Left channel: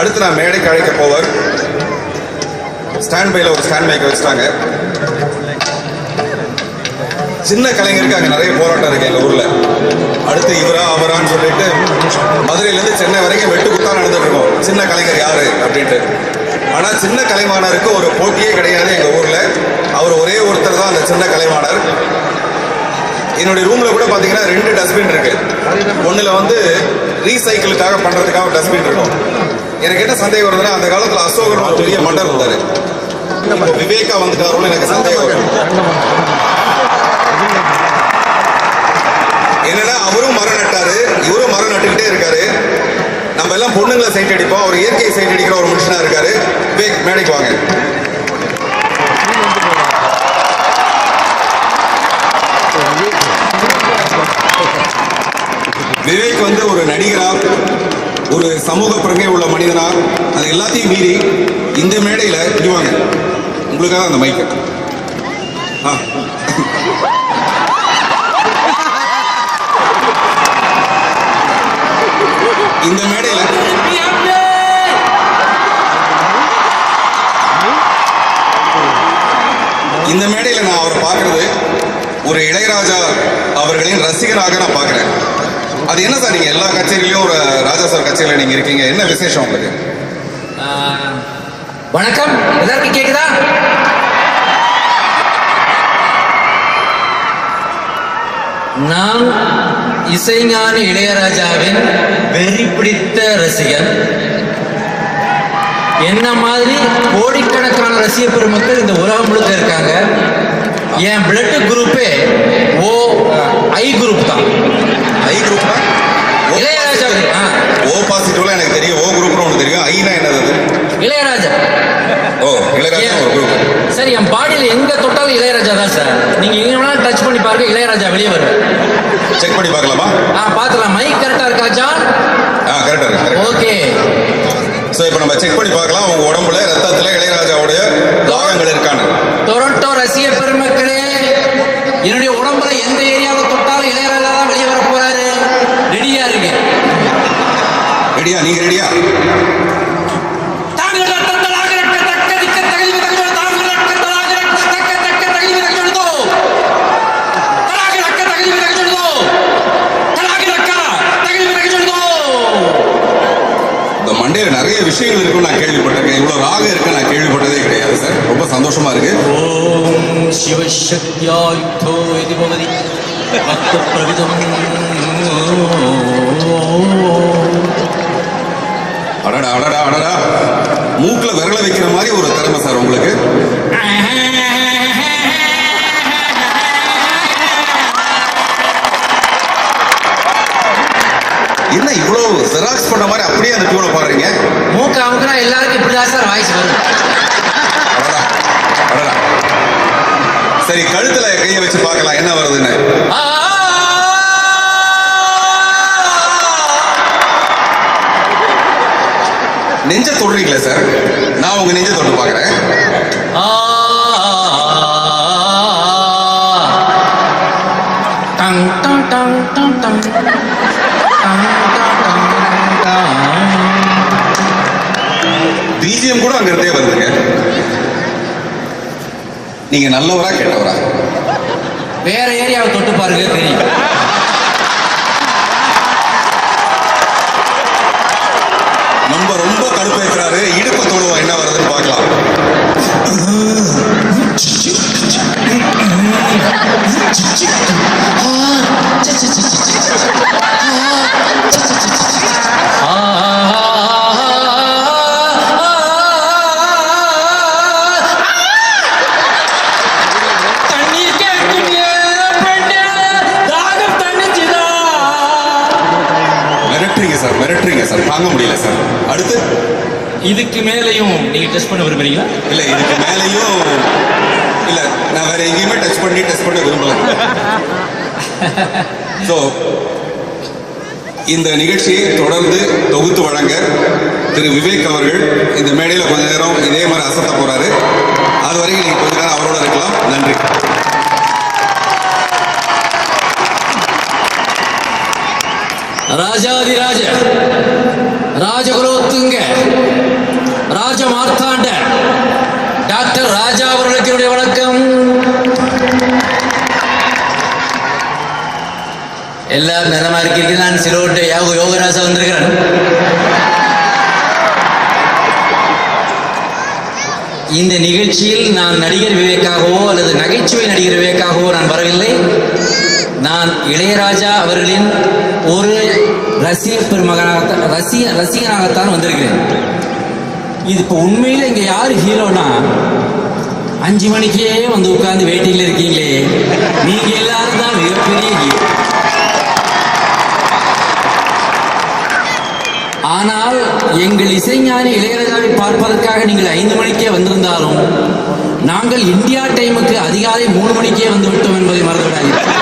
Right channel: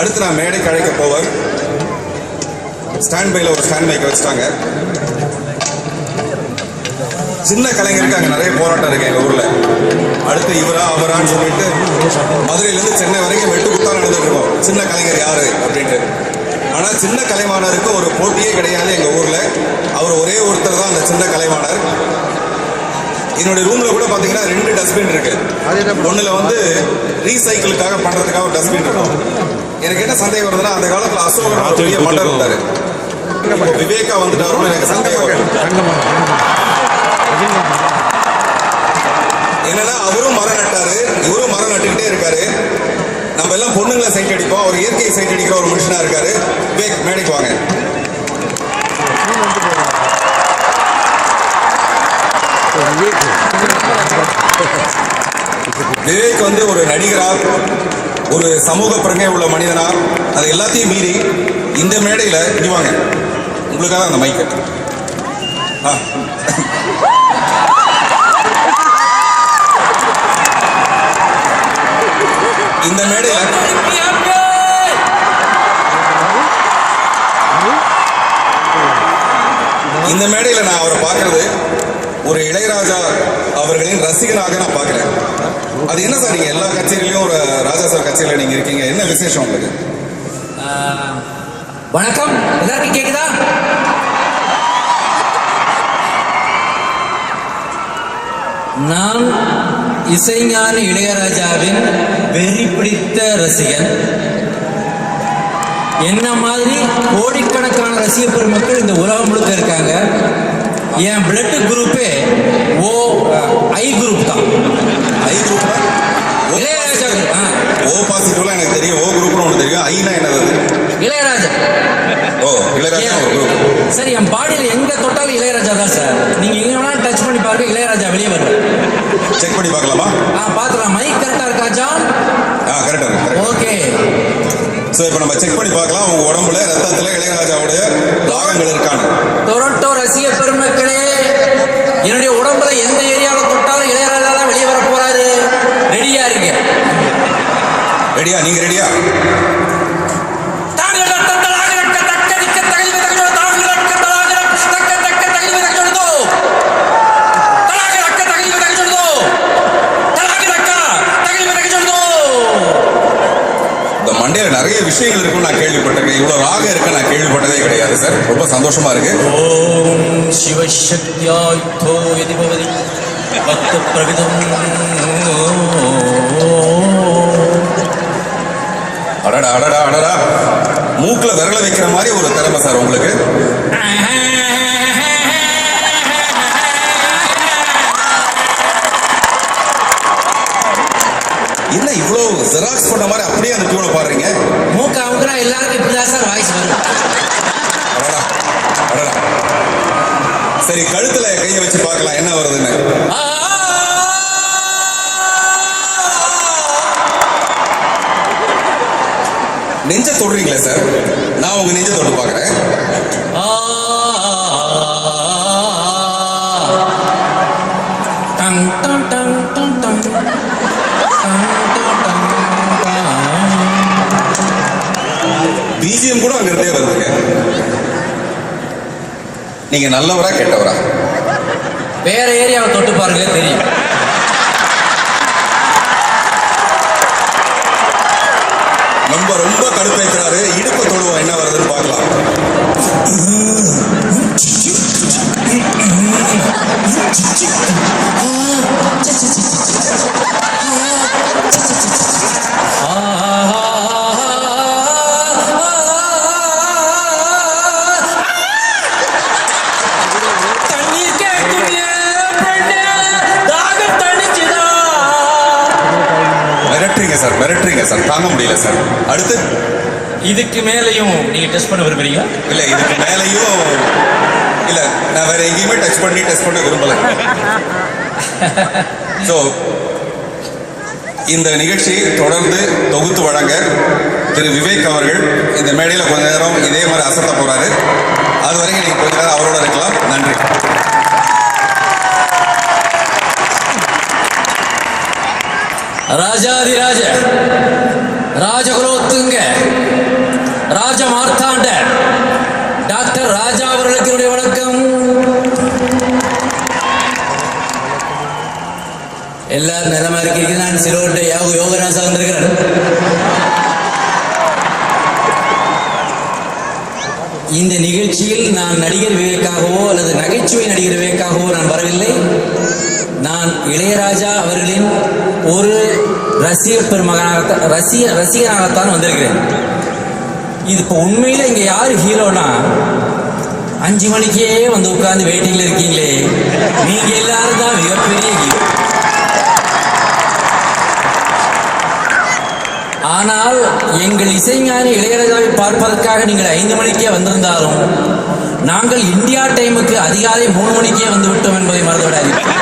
அடுத்து நான் மேடைக்கு அழைக்க போவர். ஸ்டாண்ட் பைல ஒரு ஸ்டாண்ட் பைக்கை வச்சுட்டாங்க. சின்ன கலைஞருக்கு அங்கே நிறைய போராட்டம் இருக்கு எங்கள் ஊரில். அடுத்து இவரா அவரான்னு சொல்லிட்டு மதுரையிலேருந்து சென்னை வரைக்கும் வெட்டு குத்தா நடந்துட்டு இருக்கோம், சின்ன கலைஞர் யாரு அப்படின்ட்டு. ஆனால் சின்ன கலைவாணருக்கு ஒரு போட்டியே கிடையாது எங்கள் ஊரில். அவர் ஒரே ஒருத்தர் தான் அந்த சின்ன கலைவாணர். என்னுடைய ரூமில் கூட பார்த்தீங்கன்னா 2 டஸ்ட்பின் இருக்கு. ஒன்றில் வந்து ரீசைக்கிளுக்காக பண்ணுறதுக்காக ஒரு டஸ்ட்பின் இருக்கும். எனக்கு என்ன சந்தேகம் வருதுன்னா, அந்த காலத்தில் அசோகர் ஒரு பெரிய மன்னர் இருந்தார். இப்போ விவேகா வந்துட்டாரோன்னு எனக்கு சந்தேகம் வரும். என்னன்னா அவரும் மரம் நட்டாரு, இவரும் மரம் நட்டுக்கிட்டே இருக்காரு. நம்ம எல்லாம் பொண்ணுங்களை சைட் அடிப்போம், அவர் இயற்கையை சைட் அடிக்கிற ஒரு மனுஷனா இருக்காரு. விவேக் மேடைக்கு வாங்க. விவேக் வந்து ஒரு நடிகரா, ஒரு சமூக பிரங்கை உள்ள மனிதனா, அது எல்லாத்தையும் மீறி இந்த மேடையில இடிவாங்க. உங்களுக்காக அந்த மைக்கு. இந்த மேடையில நான் அவரை பார்க்கறது ஒரு இளையராஜா அவர்களின் ரசிகராக நான் பார்க்கிறேன். அது என்ன சார், நீங்க எல்லா கச்சேரியிலையும் ஒரு ராஜா சார் கச்சேரியில நீங்க இருக்கீங்க, என்ன விசேஷம் உங்களுக்கு? வணக்கம், எல்லாருக்கும் கேக்குதா? நான் இசைஞானி இளையராஜாவின் வெறி பிடித்த ரசிகன். என்ன மாதிரி கோடிக்கணக்கான ரசிக பெருமக்கள் இந்த உலகம் முழுக்க இருக்காங்க. என் பிளட் குரூப்பே ஐ குரூப் தான். ஐ குரூப் தான் இளையராஜா. ஓ பாசிட்டிவ்லாம் எனக்கு தெரியும், ஓ குரூப்னு ஒன்று தெரியும். ஐனா என்னது? இளையராஜா. ஓ, இளையராஜா ஒரு குரூப். சார், என் பாடியில் எங்க தொட்டாலும் இளையராஜா தான் சார். நீங்க எங்க வேணாலும் டச் பண்ணி பாருங்க, இளையராஜா வெளியே வருவேன். செக் பண்ணி பார்க்கலாமா? பார்த்துலாம். மைக் கரெக்டா இருக்கா ஜான்? கரெக்டா இருக்கு. ஓகே. சோ இப்போ நம்ம செக் பண்ணி பார்க்கலாம் உங்க உடம்புல ரத்தத்துல இளையராஜாவுடைய தாகங்கள் இருக்கான்னு. டொரண்டோ ரசிக பெருமக்களே, என்னுடைய உடம்புல எந்த ஏரியாவில் தொட்டாலும் இளையராஜா தான் வெளியே வர போறாரு. ரெடியா இருக்கு? ரெடியா? நீங்க ரெடியா? மண்டையில் நிறைய விஷயங்கள் இருக்குன்னு நான் கேள்விப்பட்டிருக்கேன். இவ்வளவு ராகம் இருக்கு நான் கேள்விப்பட்டதே கிடையாது சார். ரொம்ப சந்தோஷமா இருக்கு. ஓம் சிவசக்தியாயுதோ இது பவதி பக்த பிரவிதம். அடடா அடடா அடடா, மூக்குல விரல வைக்கிற மாதிரி ஒரு திறமை சார் உங்களுக்கு. என்ன இவ்வளோ ஜெராக்ஸ் பண்ண மாதிரி அப்படியே அந்த டியூனை பாடுறீங்க? மூக்க அமுக்குனா எல்லாருக்கும் இப்படிதான் சார் வாய்ஸ் வரும். அடடா அடடா. சரி, கழுத்துல கையை வச்சு பார்க்கலாம் என்ன வருதுன்னு. நெஞ்ச தொடுறீங்களே சார், நான் உங்க நெஞ்ச தொட்டு பார்க்குறேன். Tongue tongue tongue tongue tongue BGM கூட அங்க இருந்தே வருதுங்க. நீங்க நல்லவரா கெட்டவரா? வேற ஏரியாவை தொட்டு பாருங்க தெரியும். நம்ம ரொம்ப கடுப்பேற்றாரு. இடுப்பை தொடுவோம் என்ன வருதுன்னு பார்க்கலாம். மிரட்டுறீங்க சார், தாங்க முடியல சார். அடுத்து இதுக்கு மேலையும் நீங்க டெஸ்ட் பண்ண விரும்புறீங்களா? இல்ல, இதுக்கு மேலையும் இல்ல, நான் வேற எங்கேயுமே டச் பண்ண விரும்பல. ஸோ இந்த நிகழ்ச்சியை தொடர்ந்து தொகுத்து வழங்க திரு விவேக் அவர்கள் இந்த மேடையில் கொஞ்ச நேரம் இதே மாதிரி அசத்த போறாரு. அது வரைக்கும் நீங்க கொஞ்ச நேரம் அவரோட இருக்கலாம். நன்றி. ராஜாதிராஜ ராஜகுலோத்துங்க ராஜ மார்த்தாண்ட டாக்டர் ராஜா அவர்களுக்கு என்னுடைய வணக்கம். எல்லாரும் நலமா இருக்கீங்க. நான் சிலோட்டை யோகராஜா வந்திருக்கிறேன். இந்த நிகழ்ச்சியில் நான் நடிகர் விவேக்காகவோ அல்லது நகைச்சுவை நடிகர் விவேக்காகவோ நான் வரவில்லை. நான் இளையராஜா அவர்களின் ஒரு ரசிகனாகத்தான் வந்திருக்கிறேன். இது இப்போ உண்மையில் இங்கே யார் ஹீரோனா 5 மணிக்கே வந்து உட்கார்ந்து வெயிட்டிங்கில் இருக்கீங்களே, நீங்கள் எல்லாரும் தான் மிகப்பெரிய ஹீரோ. ஆனால் எங்கள் இசைஞானி இளையராஜாவை பார்ப்பதற்காக நீங்கள் 5 மணிக்கே வந்திருந்தாலும் நாங்கள் இந்தியா டைமுக்கு அதிகாலை 3 மணிக்கே வந்து விட்டோம் என்பதை மறந்துவிடாதீர்கள்.